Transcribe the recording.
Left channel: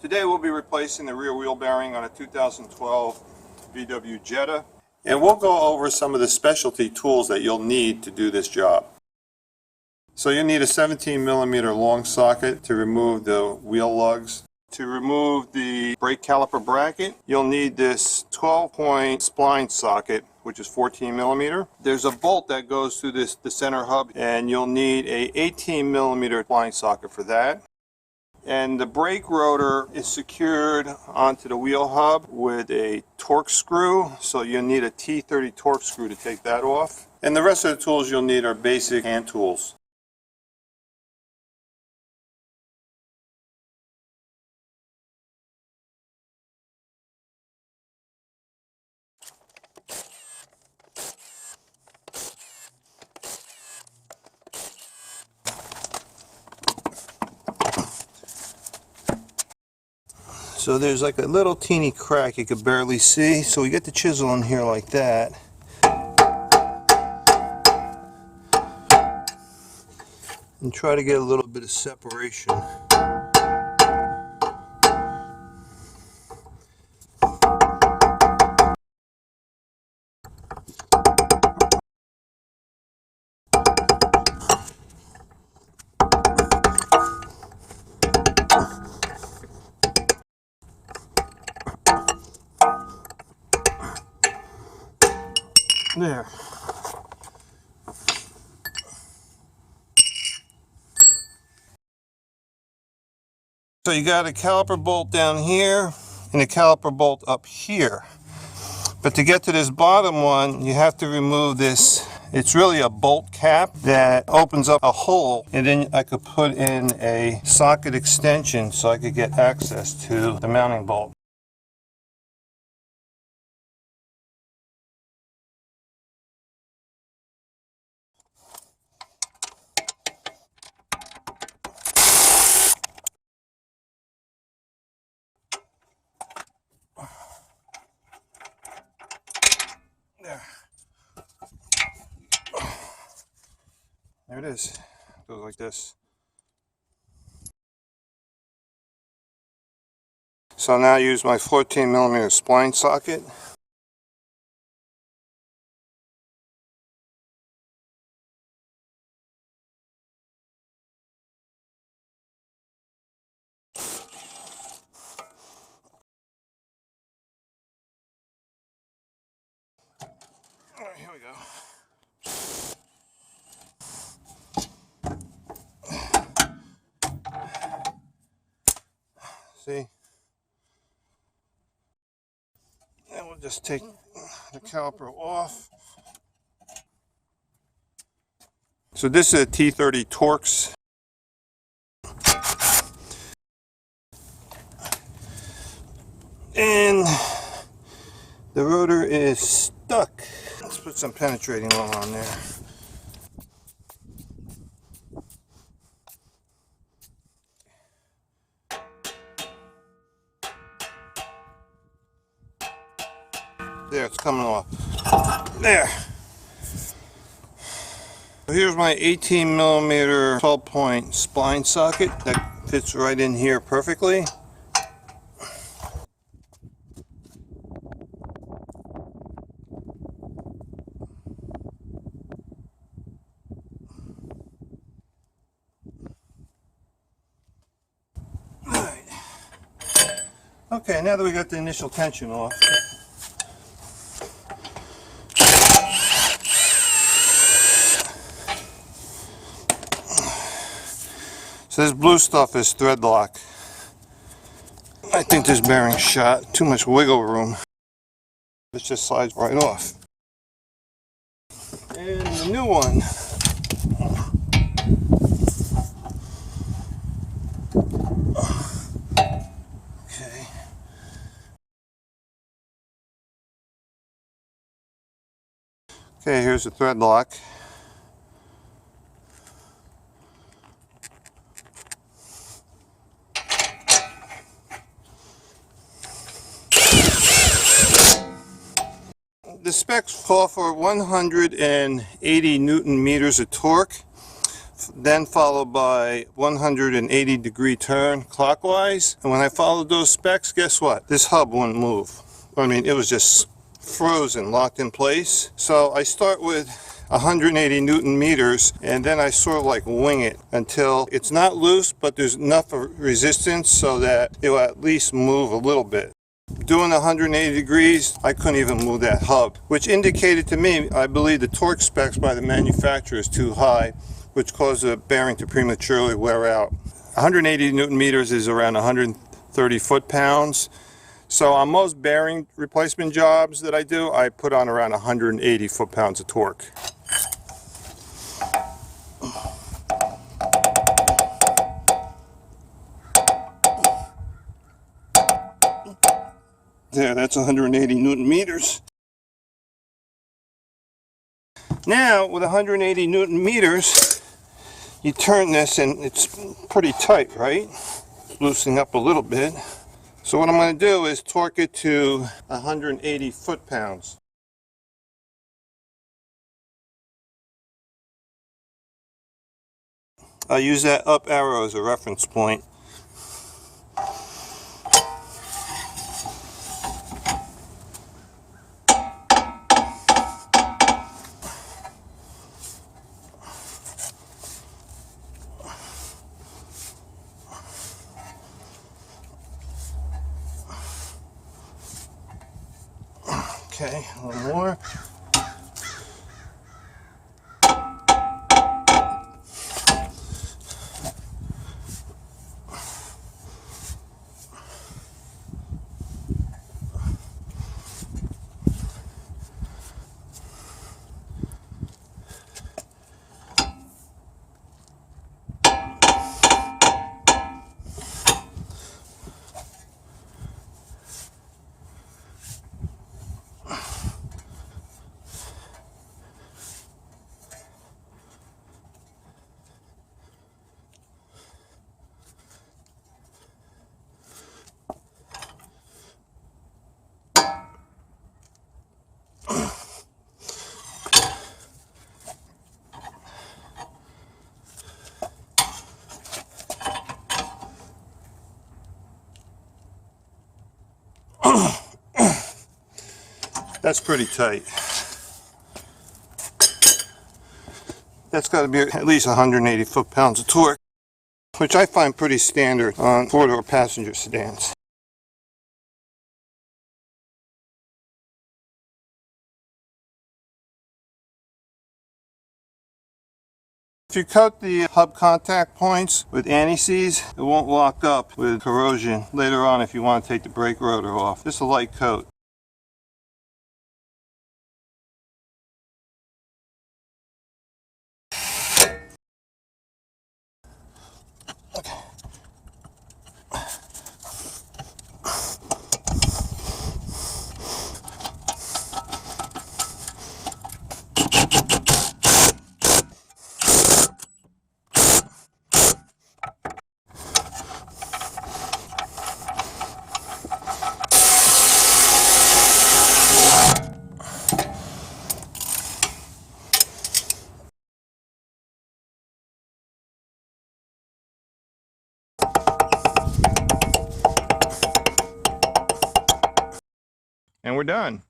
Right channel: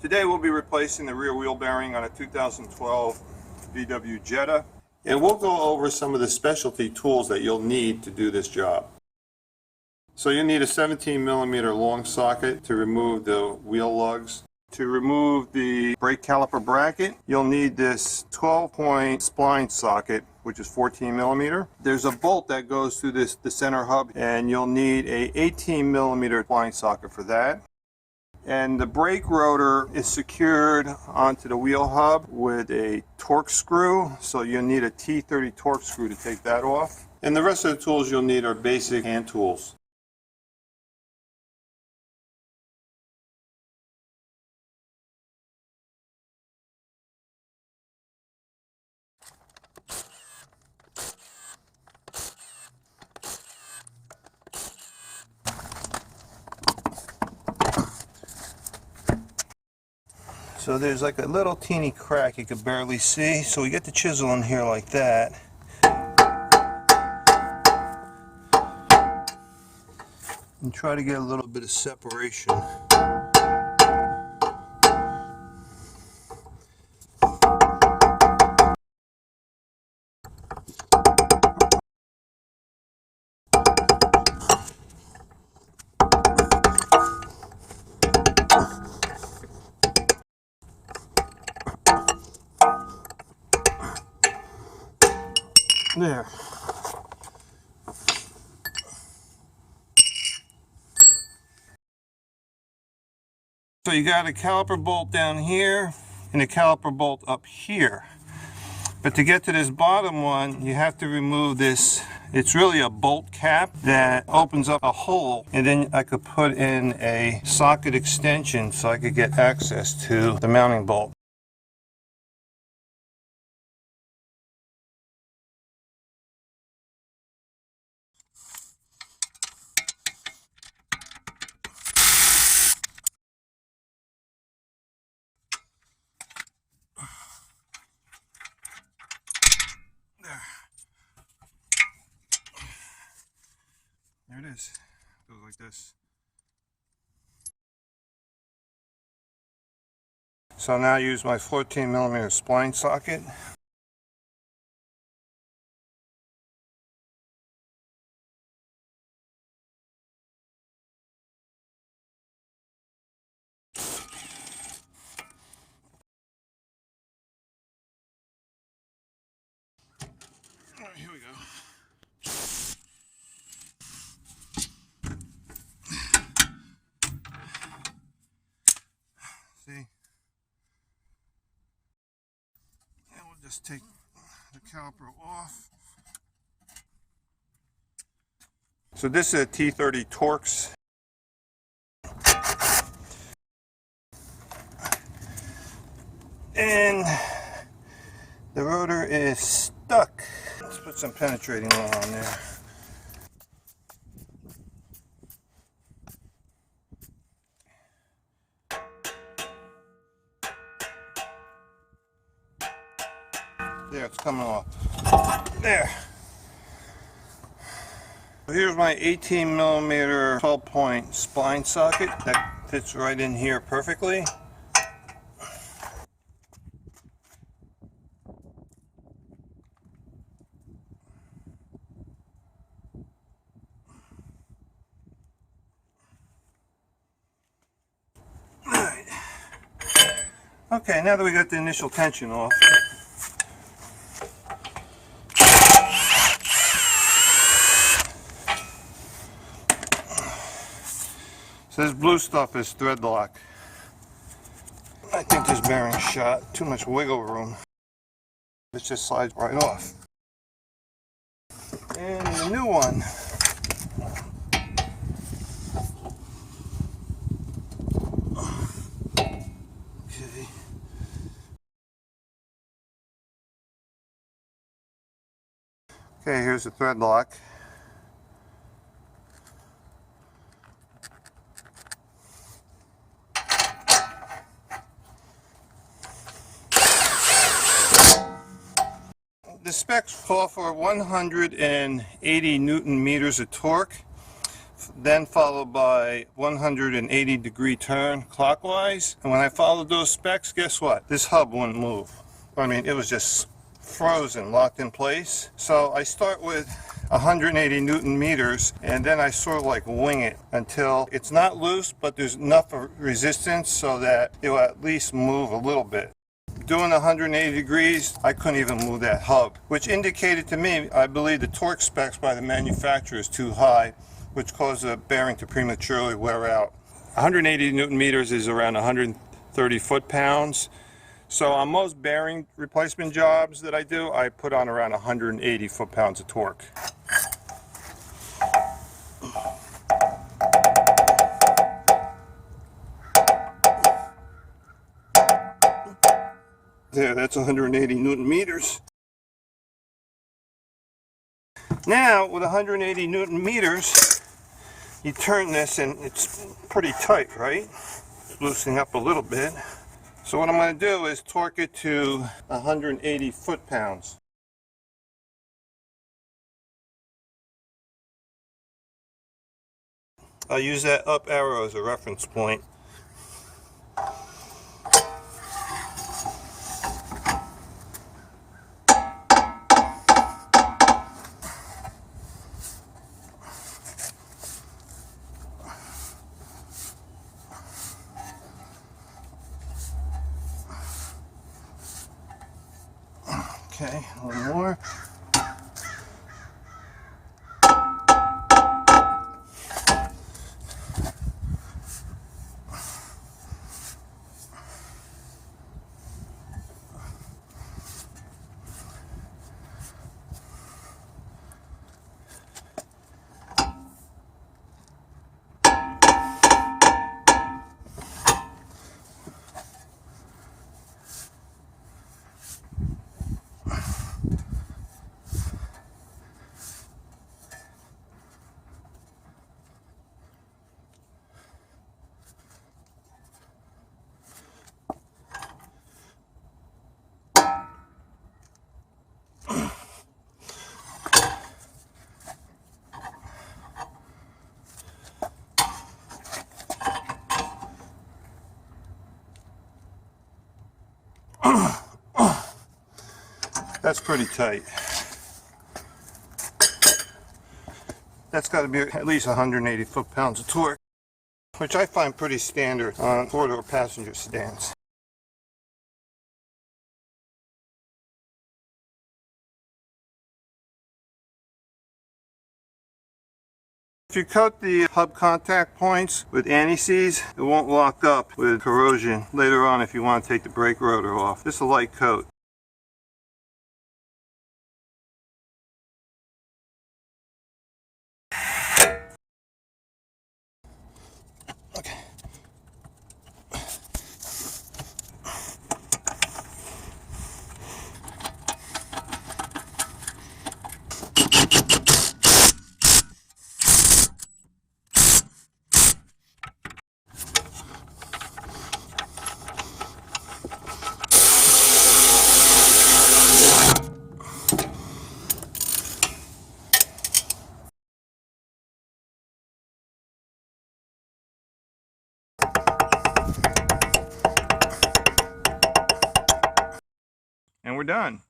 Today we'll be replacing the rear wheel bearing on a 2012 VW Jetta. And we'll go over some of the specialty tools that you'll need to do this job. So you'll need a 17mm long socket to remove the wheel lugs. To remove the brake caliper bracket, you'll need this 12-point spline socket, which is 14mm. There's a bolt that goes through the center hub, and you'll need a 18mm spline socket for that. And the brake rotor is secured onto the wheel hub with a Torx screw, so you'll need a T30 Torx screw to take that off. And the rest of the tools you'll need are basic hand tools. So there's like a little teeny crack you could barely see, so we get the chisel in here like that. And try to get a little bit of separation. There. So you got a caliper bolt down here and a caliper bolt up here. But to get to this bottom one, you have to remove this. It's really a bolt cap that opens up a hole, and then I could put in a socket extension so I could get access to the mounting bolt. There it is. It goes like this. So now I use my 14mm spline socket. Alright, here we go. See? And we'll just take the caliper off. So this is a T30 Torx. And the rotor is stuck. Let's put some penetrating oil on there. There, it's coming off. There. So here's my 18mm 12-point spline socket that fits right in here perfectly. Alright. Okay, now that we got the initial tension off, so this blue stuff is thread lock. I think this bearing's shot. Too much wiggle room. It just slides right off. And the new one. Okay. Okay, here's the thread lock. The specs call for 180 Newton meters of torque, then followed by 180-degree turn clockwise. And when I followed those specs, guess what? This hub wouldn't move. I mean, it was just frozen, locked in place. So I start with 180 Newton meters, and then I sort of like wing it until it's not loose, but there's enough resistance so that it will at least move a little bit. Doing 180 degrees, I couldn't even move that hub, which indicated to me, I believe the torque specs by the manufacturer is too high, which caused the bearing to prematurely wear out. 180 Newton meters is around 130 foot-pounds. So on most bearing replacement jobs that I do, I put on around 180 foot-pounds of torque. There, that's 180 Newton meters. Now, with 180 Newton meters, you turn this and it's pretty tight, right? Loosening up a little bit. So what I'm going to do is torque it to 180 foot-pounds. I'll use that up arrow as a reference point. Okay, one more. That's pretty tight. That's got to be at least 180 foot-pounds of torque, which I find pretty standard on four-door passenger sedans. If you coat the hub contact points with anti-seize, it won't lock up with corrosion later on if you want to take the brake rotor off. Just a light coat. Okay. And we're done.